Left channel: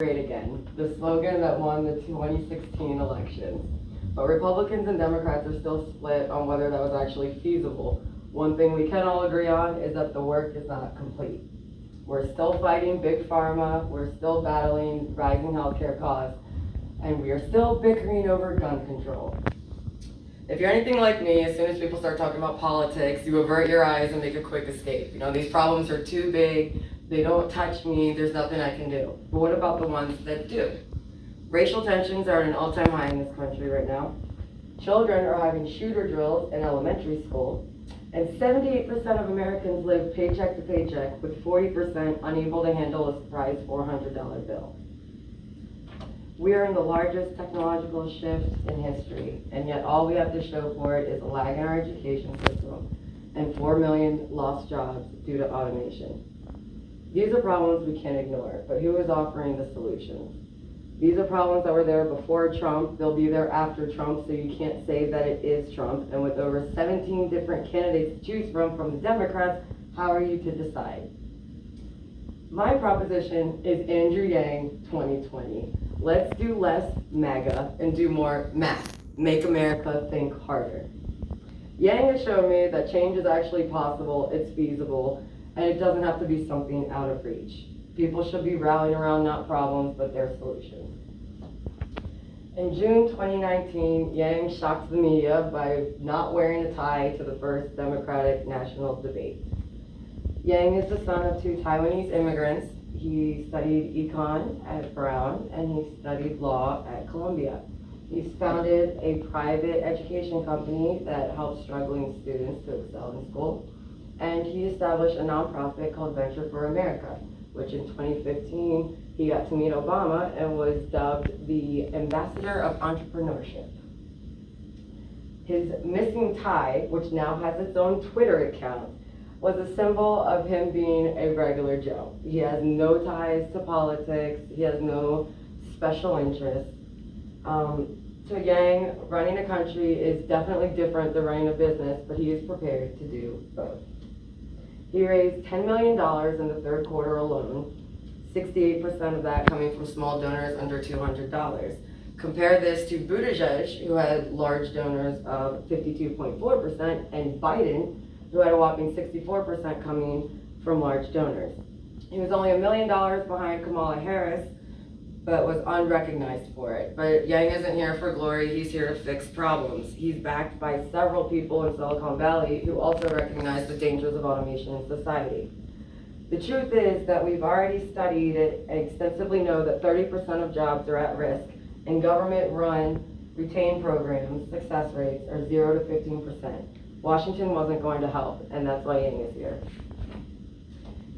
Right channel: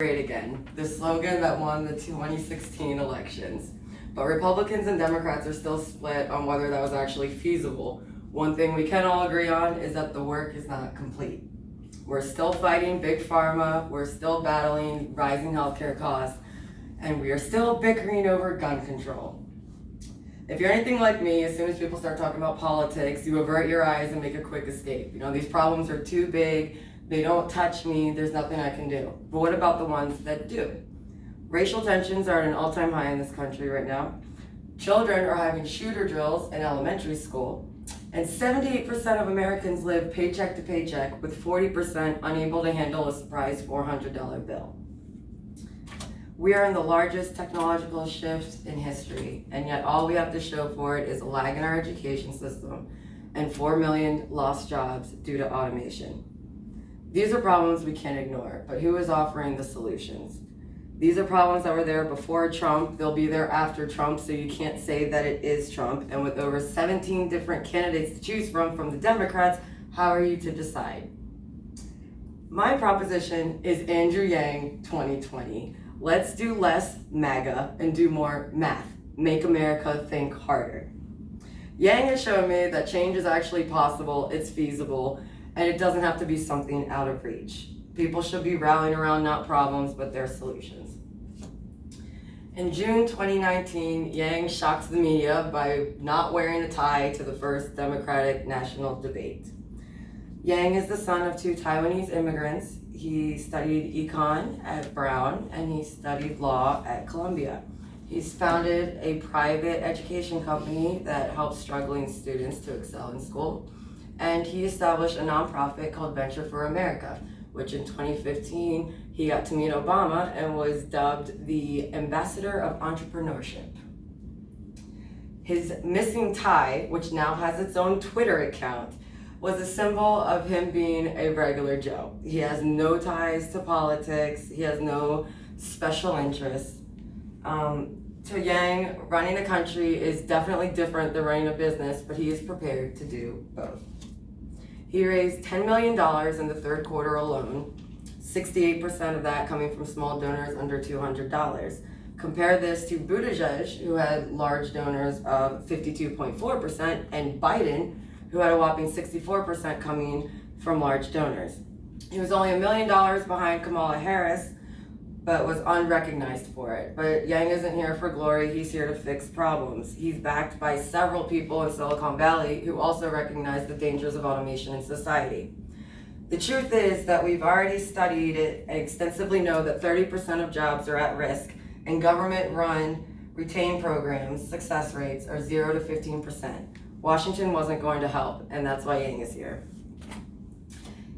Great again, the slogan that won the 2016 elections. But Republicans and Democrats are still split on whether that was actually feasible. One thing we can all agree on is that the work is not complete. We're still fighting big pharma, we're still battling rising healthcare costs, and we are still bickering over gun control. If you're anything like me, as soon as people start talking about politics, you avert your eyes and make a quick escape. These problems are too big, they don't touch me, there's nothing I can do. But what about the ones that do? Racial tensions are at an all-time high in this country right now. Children are having shooter drills in elementary school, and 78% of Americans live paycheck to paycheck, with 40% unable to handle a surprise $400 bill. We are in the largest technological shift in history, and yet all we have to show for it is a lag in our education system and 4 million lost jobs due to automation. These are problems we can't ignore, but who is offering the solutions? These are problems that were there before Trump, they'll be there after Trump, so you can't say that it is Trump. And with over 17 different candidates to choose from the Democrats, how are you to decide? My proposition is Andrew Yang 2020. Let's do less MAGA and do more math. Make America think harder. Yang has shown me that change is actually possible, it's feasible, and it doesn't have to be something out of reach. People should be rallying around not problems, but their solutions. In June 2019, Yang shocks the media by not wearing a tie to the first Democratic national debate. Yang is the son of two Taiwanese immigrants. He studied econ at Brown and he studied law at Columbia. He's founded a private education company that helps struggling students to excel in school. And he established a nonprofit called Venture for America, which in 2015, he got to meet Obama and was dubbed the Ambassador of Entrepreneurship. His missing tie, which now has its own Twitter account, was a symbol of him being a regular Joe. He has no ties to politics, he has no special interests. To Yang, running a country is definitely different than running a business, but he is prepared to do both. He raised $10 million in the third quarter alone, 68% of that coming from small donors under $200. Compare this to Buttigieg, who had large donors of 52.4%, and Biden, who had a whopping 64% coming from large donors. He was only $1 million behind Kamala Harris, but was unrecognized for it. But Yang isn't here for glory, he's here to fix problems. He's backed by several people in Silicon Valley who also recognize the dangers of automation in society. The truth is that we've already studied it and extensively know that 30% of jobs are at risk, and government-run retained programs success rates are 0 to 15%. Washington wasn't going to help, and that's why Yang is here.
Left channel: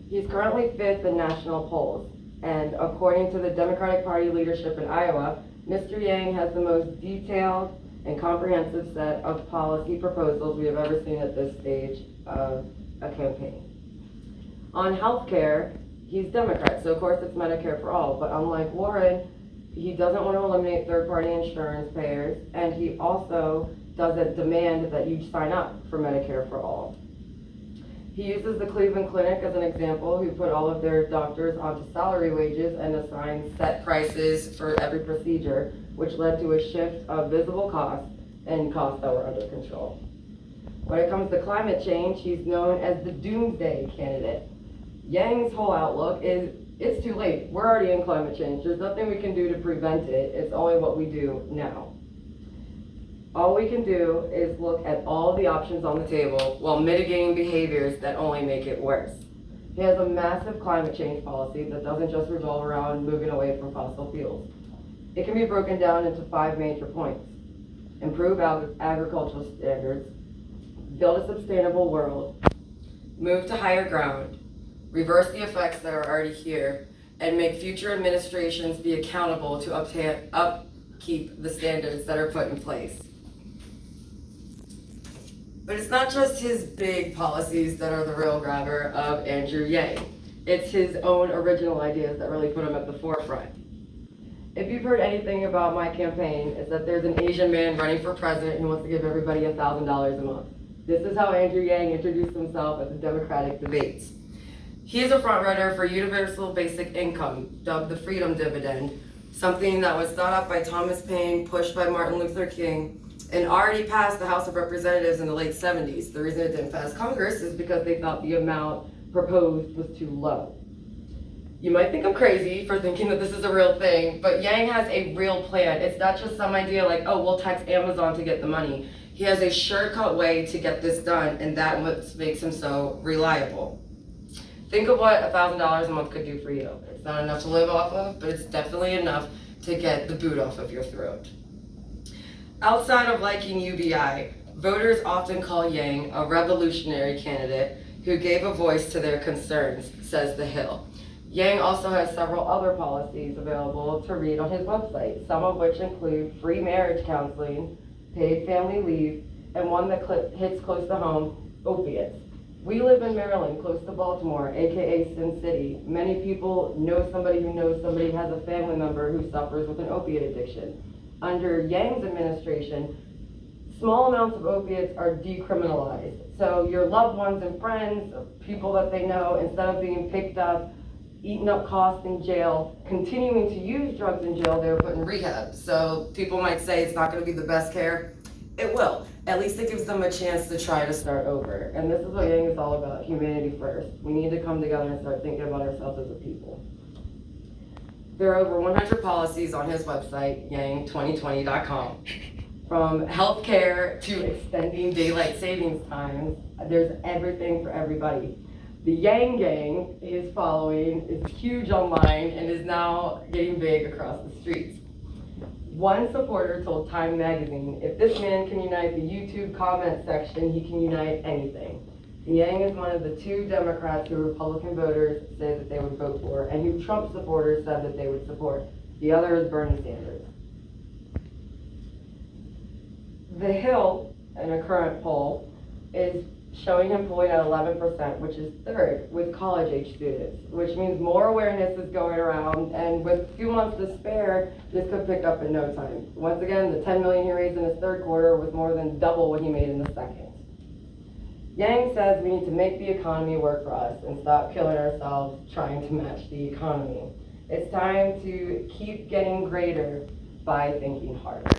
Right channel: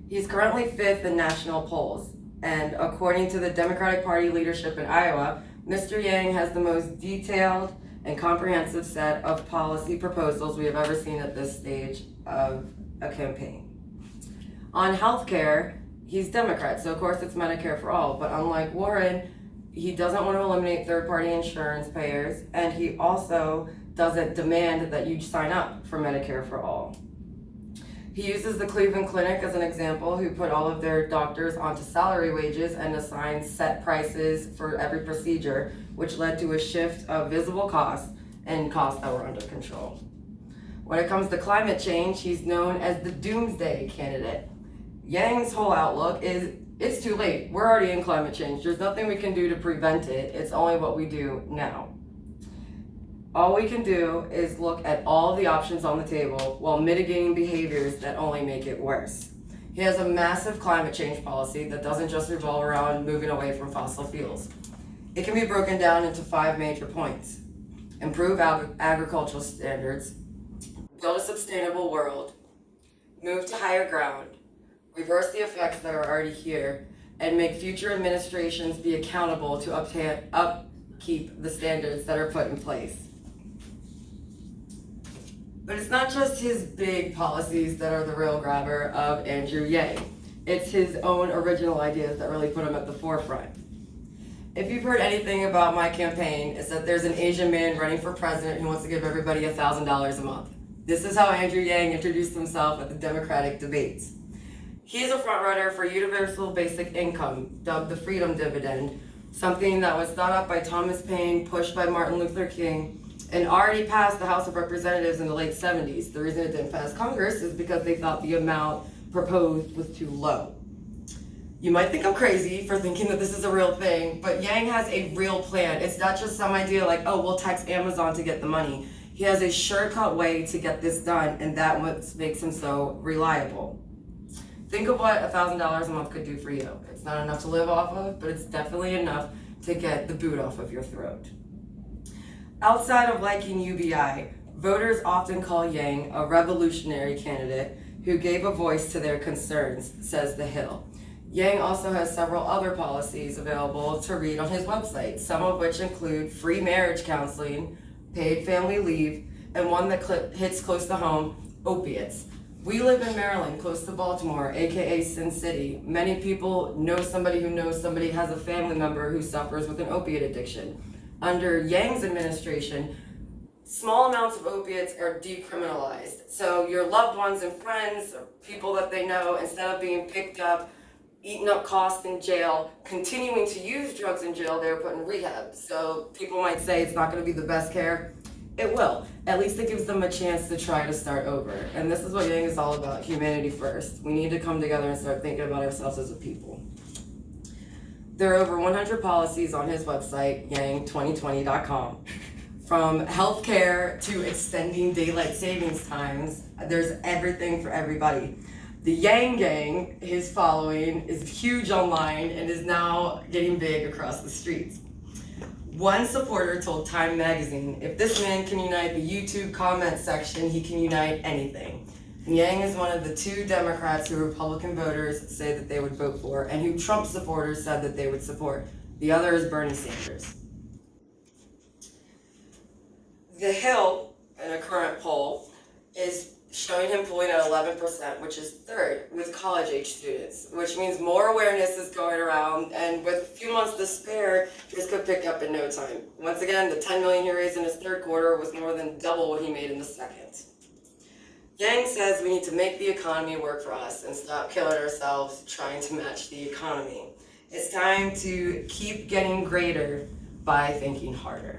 He's currently 5th in national polls, and according to the Democratic Party leadership in Iowa, Mr. Yang has the most detailed and comprehensive set of policy proposals we have ever seen at this stage of a campaign. On healthcare, he's Democrat, so of course it's Medicare for all, but unlike Warren, he doesn't want to eliminate third-party insurance payers, and he also doesn't demand that you sign up for Medicare for all. He uses the Cleveland Clinic as an example, who put all of their doctors onto salary wages and assigned set prices for every procedure, which led to a shift of visible costs and costs that were under control. When it comes to climate change, he's known as the doomsday candidate. Yang's whole outlook is, it's too late. We're already in climate change. There's nothing we can do to prevent it. It's only what we do now. All we can do is look at all of the options on the table while mitigating behaviors that only make it worse. He has a massive climate change policy that doesn't just revolve around moving away from fossil fuels. It can be broken down into 5 major points. Improve agricultural standards, build a sustainable world, move to higher ground, reverse the effects that are already here, and make future administrations be accountable to upkeep the standards that are put in place. But it's not just his big policies that are the real grabber of Andrew Yang. It's his own original ideas that really put him at the forefront. If you've heard anything about my campaign, it's that there's an Asian man running for president who wants to give everybody $1,000 a month. This is how Andrew Yang introduced himself at the Democratic debates. He's a frontrunner for universal basic income, dubbed the freedom dividend, something that was thought up by Thomas Paine, pushed by Martin Luther King, and already passed the House of Representatives in the late 70s. The reason it didn't pass Congress is because they thought the amount proposed was too low. You might think I'm crazy for thinking that this is a real thing, but Yang has a real plan. It's not just some idea like, oh, we'll tax Amazon to get the money. He has a shortcut way to get this done, and that's what makes him so reliable. Think of what $1,000 a month could do for you. It's not enough to live off of, but it's definitely enough to get the boot off of your throat. Outside of liking UBI, voters often call Yang a revolutionary candidate who gave a voice to their concerns, says The Hill. Yang also has several other policies available to read on his website, some of which include free marriage counseling, paid family leave, and one that hits close to home, opiates. We live in Maryland, close to Baltimore, aka Sin City. Many people know somebody who knows somebody has a family member who suffers with an opiate addiction. Under Yang's administration, small amounts of opiates are decriminalized. So your loved ones and friends, or people that they know, instead of being picked up, eating up costs in jail, continuing to use drugs in jail, they're put in rehab. So people might say it's not going to be the best care. It will. At least it gives them a chance to try to start over. And this is what Yang is all about, humanity first. We need to come together and start thinking about ourselves as a people. There are over 100 policies on his website, yang2020.com. From healthcare to extending daylight savings times, there's everything for everybody. The Yang Gang, his following, is huge online and is now getting big across the streets. One supporter told Time magazine, if this man can unite the YouTube comment section, he can unite anything. Yang is one of the 2 Democrats who Republican voters say that they would vote for, and who Trump supporters said that they would support. The other is Bernie Sanders. The Hill, in a current poll, is showing him polling at 11%, which is 3rd with college-age students, which means more awareness is going around, and with a few months to spare, this could pick up in no time. Once again, the $10 million he raised in his 3rd quarter was more than double what he made in the 2nd. Yang says we need to make the economy work for us and stop killing ourselves trying to match the economy. It's time to keep getting greater by thinking harder.